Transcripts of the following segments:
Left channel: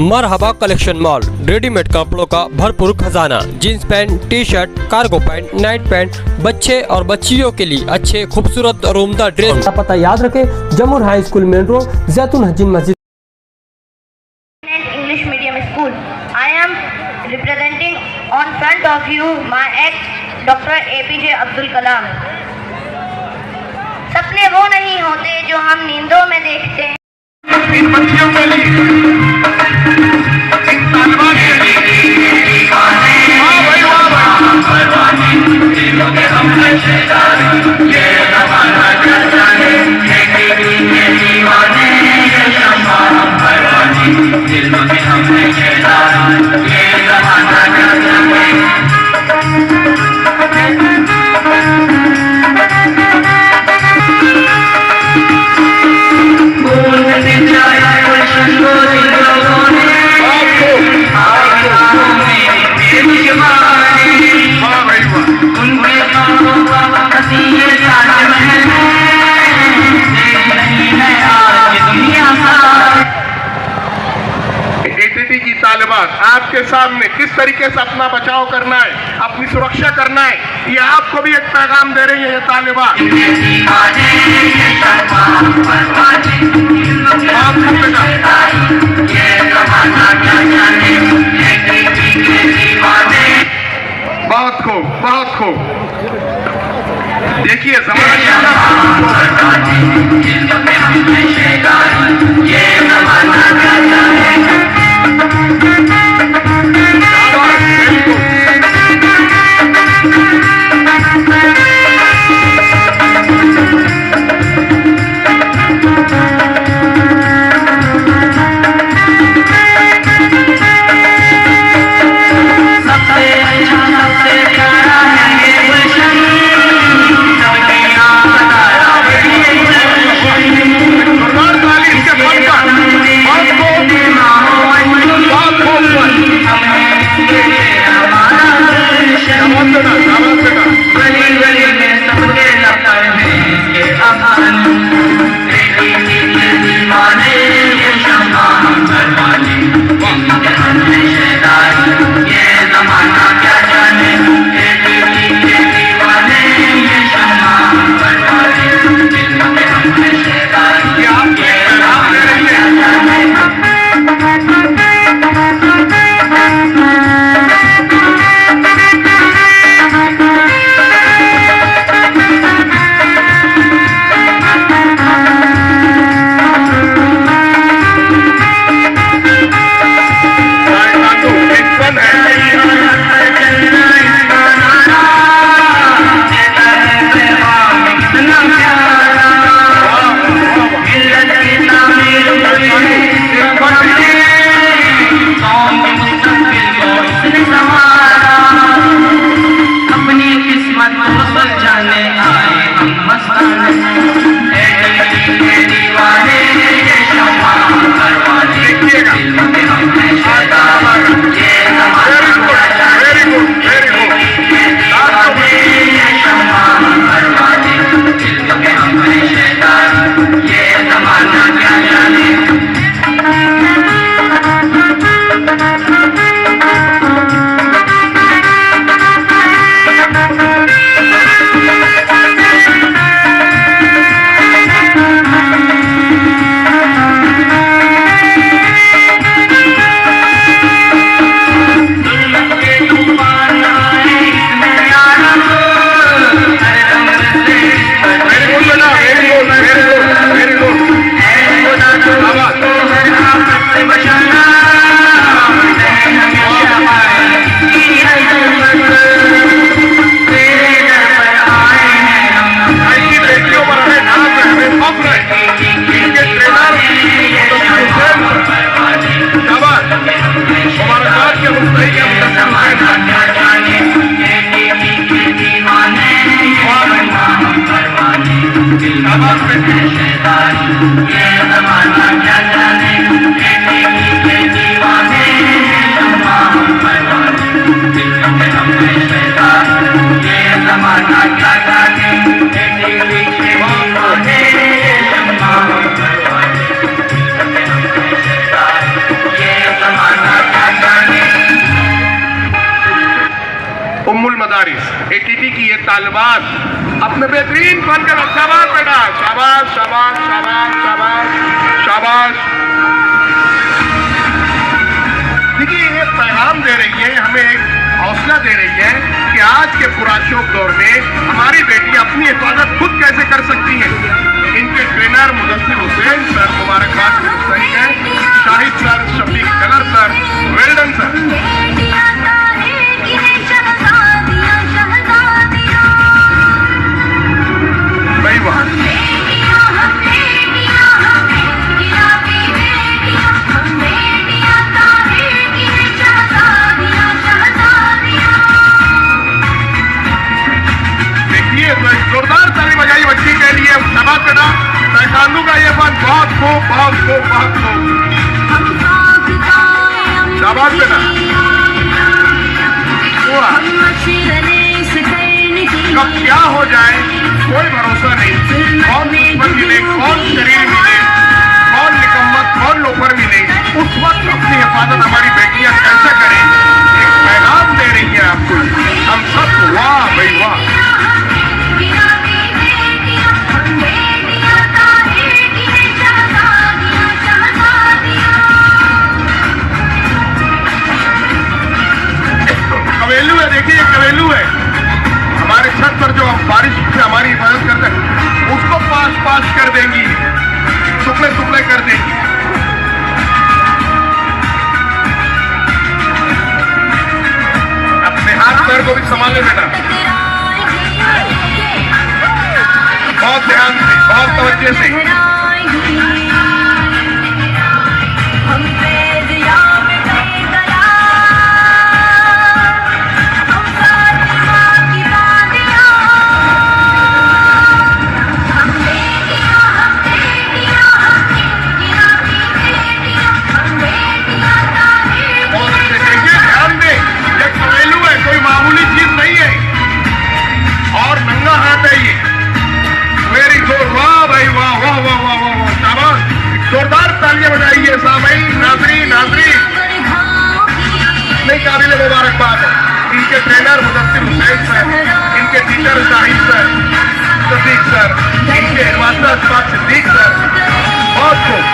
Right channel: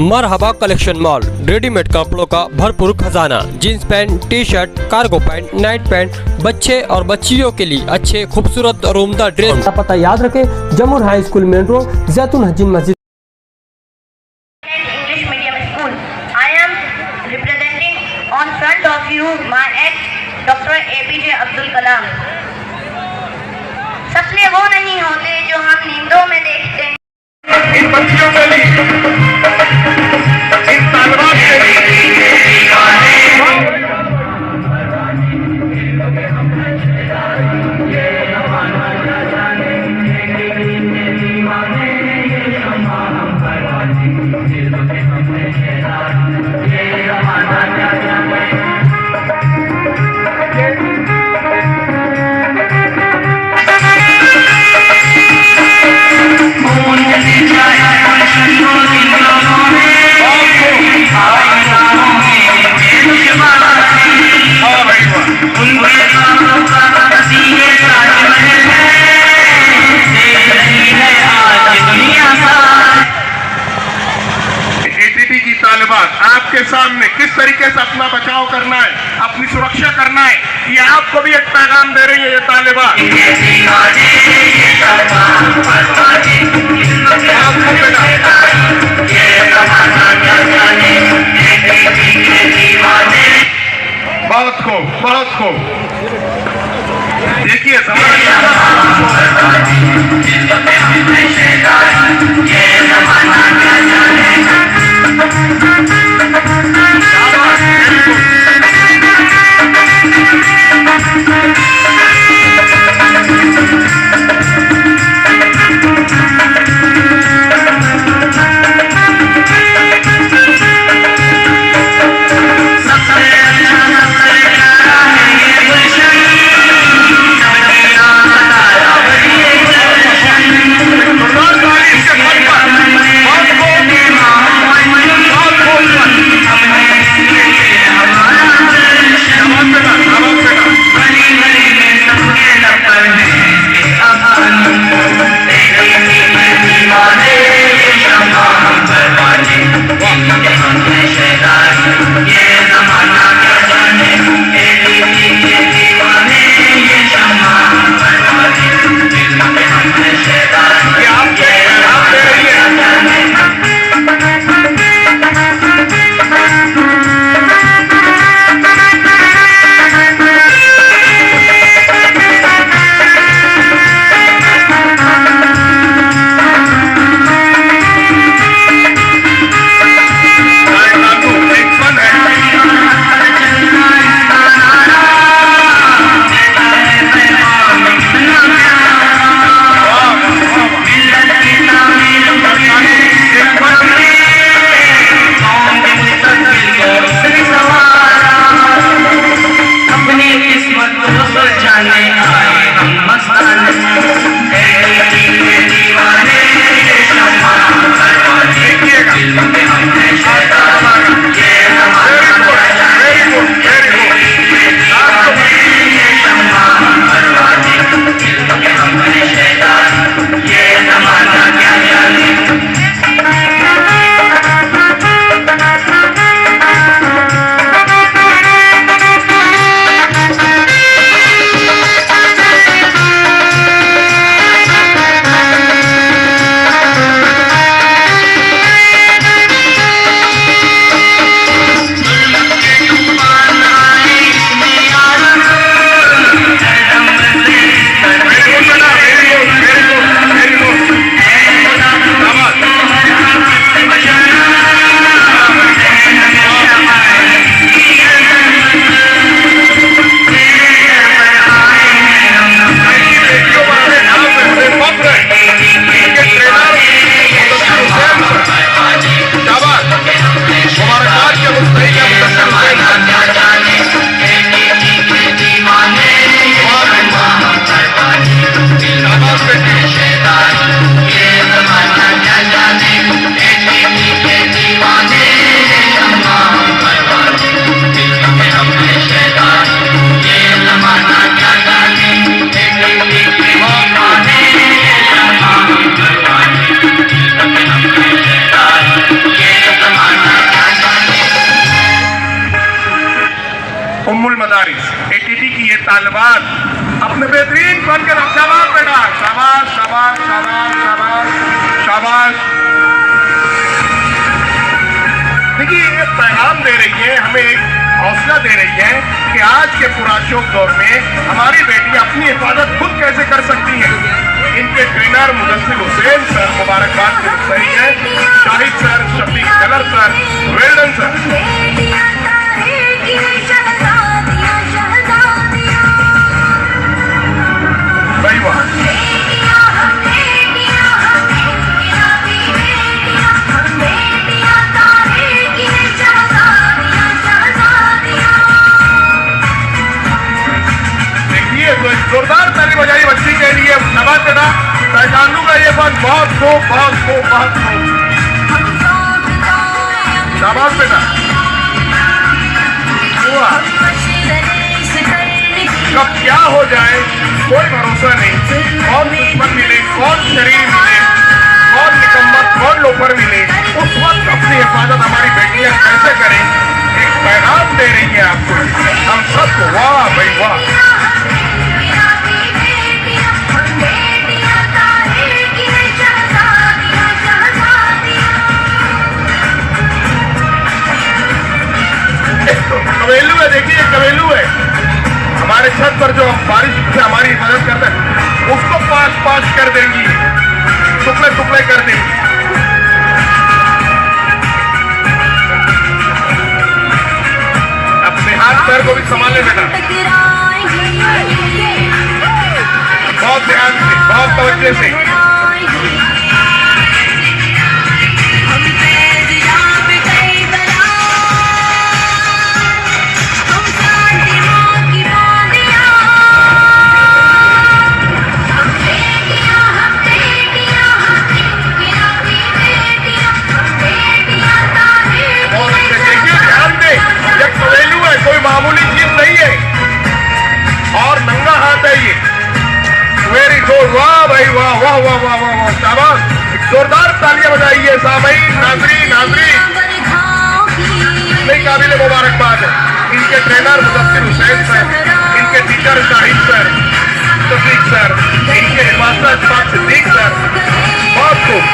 मरहबा collection mall, readymade कपड़ों का भरपूर खजाना, jeans pant, T shirt, cargo pant, night pant, बच्चे और बच्चियों के लिए अच्छे खूबसूरत और उम्दा ड्रेस। पता याद रखें, जमुर हाई स्कूल मेन रोड, जैतून हजीन मस्जिद। English medium school. I am representing on front of you my ex Dr. APJ Abdul Kalam. सपने वो नहीं होते जो हम नींदों में देखते हैं। आपके सामने किस तरीके से अपना बचाव करना है, अपनी सुरक्षा करना है, ये आपको भी एक पैगाम दे रही है ये तालिबान। बहुत खूब देखिए बारिश एटीटी की ये तालिबात अपने बेहतरीन फन के शाबाश बेटा, शाबाश शाबाश शाबाश शाबाश शाबाश। देखिए ये पैगाम दे रही है, हमें एक हौसला दे रही है कि आज के पुराशोक दौर में हमारी बेटी अपनी हिफाजत खुद कैसे कर सकती है। इनके ट्रेनर मुदस्सिर हुसैन सर मुबारकबाद सही है, शाहिद सर, शफीक कलर सर, वेल्डन सर। सही बात। देखिए जोरदार ताली बजाई बच्ची के लिए, शाबाश बेटा, ताइक्वांडो का ये फन बहुत खूब बहुत खूब बहुत खूब, शाबाश बेटा। कब क्या हो जाए कोई भरोसा नहीं, कौन दुश्मन मिले, कौन शरीर मिले, कौन निकम्मा, कौन लोफर मिले, उस वक्त अपनी हिफाजत हमारी बेटियां कैसे करें, एक पैगाम दे रही है आपको हम सबको। वाह भाई वाह। कवेलू है, देखिए कवेलू है हमारे छत पर जो बारिश से हमारी मदद करते हैं उसको पास पास कर देंगी, टुकड़े टुकड़े कर देंगी। अपने हाथ पैर को भी संभालने देना, बहुत ध्यान से, बहुत तवज्जो से। कोई मामूली चीज नहीं है और नंगा हाथ है ये। वेरी गुड, वाह भाई वाह वाह वाह वाह वाह वाह, शाबाश, जोरदार तालियां बजाइए सामईन, नाज़रीन नाज़रीन। नहीं काबिल मुबारकबाद है इनके ट्रेनर मुदस्सिर हुसैन सर, इनके teacher Shahid sir, Shafiq sir, इनके मास्टर अशफाक सिद्दीक सर, बहुत खूब।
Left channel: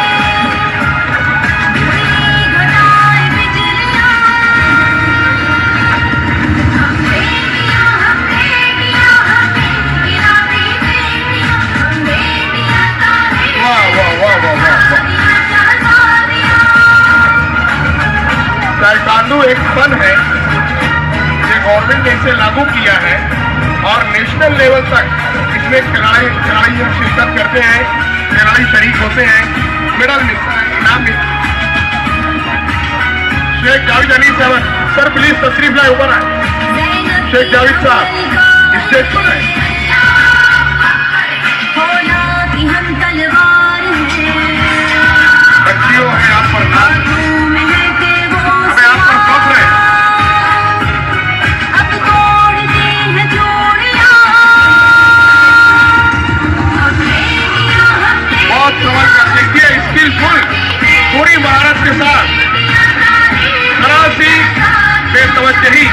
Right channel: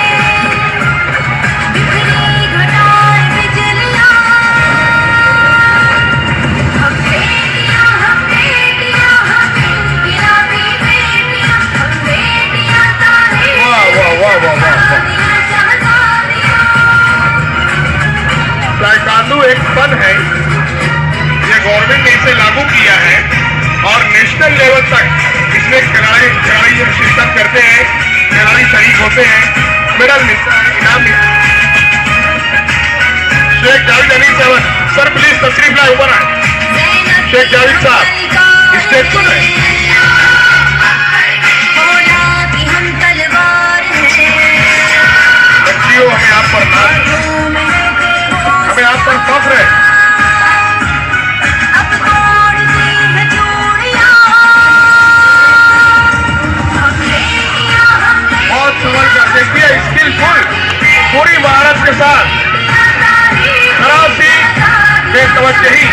ताइक्वांडो एक फन है, ये गवर्नमेंट ने इसे लागू किया है और नेशनल लेवल तक इसमें खिलाड़ी शिरकत करते हैं, खिलाड़ी शरीक होते हैं, मेडल मिलता है, इनाम मिलता है। शेख जावेद अली सर प्लीज तशरीफ ला ऊपर आए। शेख जावेद साहब स्टेज पर है। बच्चियों हमें आप पर नाज, हमें आप पर फख्र है। बहुत समझ कर देखिए, स्किलफुल पूरी महारत के साथ, जरा सी बेतवज्जही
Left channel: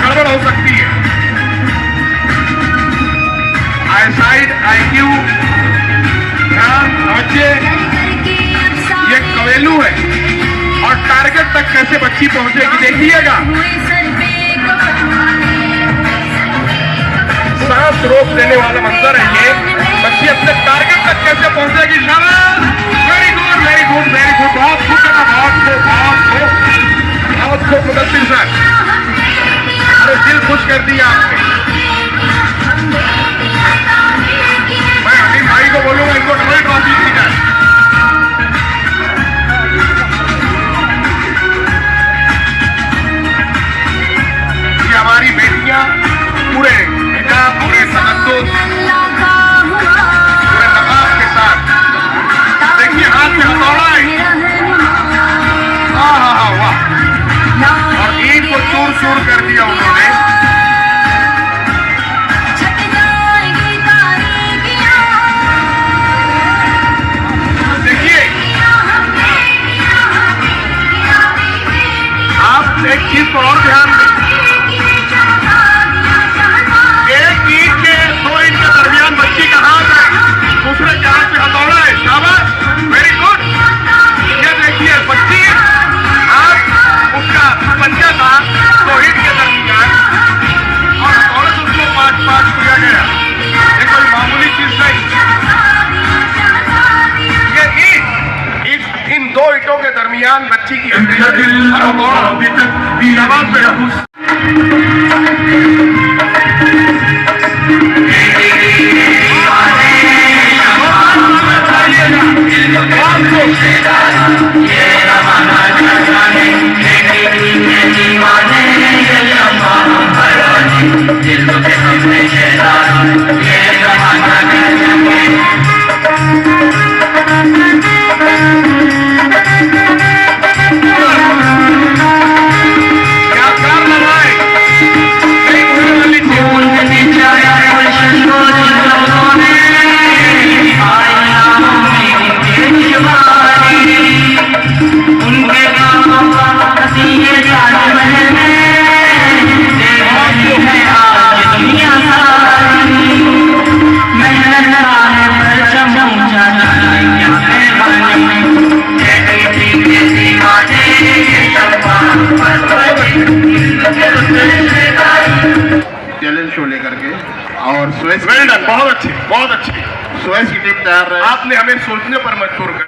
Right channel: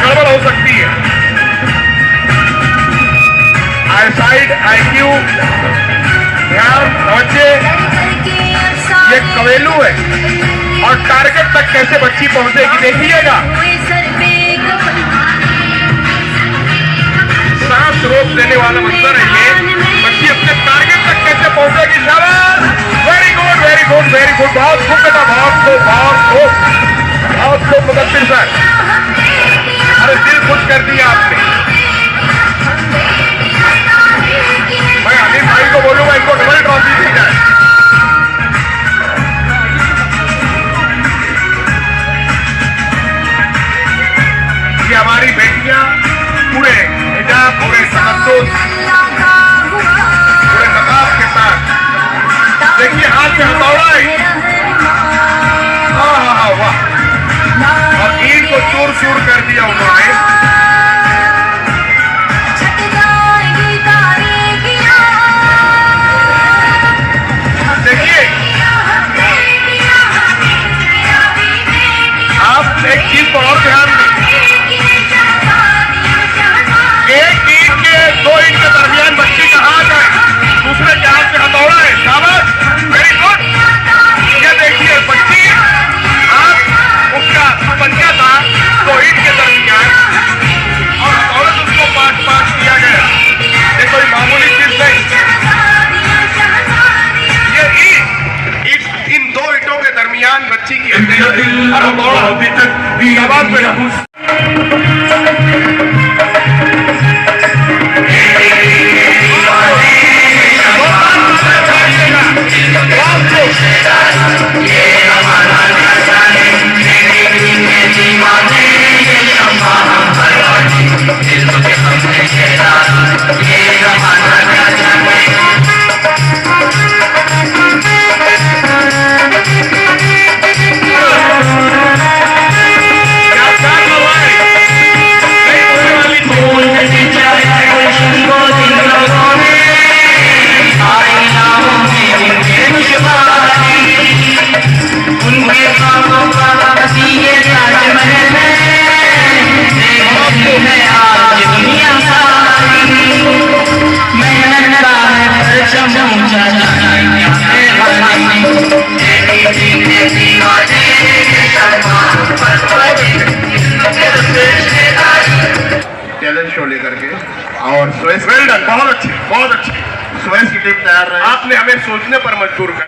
गड़बड़ हो सकती है। आईसाइट, IQ, ध्यान, तवज्जो, ये कवेलू है और टारगेट तक कैसे बच्ची पहुंचेगी देखिएगा। सांस रोक देने वाला मंजर है ये, बच्ची अपने टारगेट तक कैसे पहुंचेगी। शाबाश, very good very good very good, बहुत खूब बेटा, बहुत खूब बहुत खूब बहुत खूब मुदस्सिर सर, अरे दिल खुश कर दिया आपने। मैं अनिल भाई को बोलूंगा इनको डबल ट्रॉफी की जाए। हमारी बेटियां पूरे हिजाब, पूरे तमद्दुस, पूरे नकाब के साथ, देखिए हाथ में हथौड़ा है, वाह और ईद को चूर चूर कर दिया उन्होंने। देखिए आप एक चीज पर और ध्यान अभियान बच्ची की चैलेंज शो लेकर के और सुरेश बहुत अच्छी सुरेश की टीम तैयार रहे। आपने हमें सोचने पर मजबूर किया।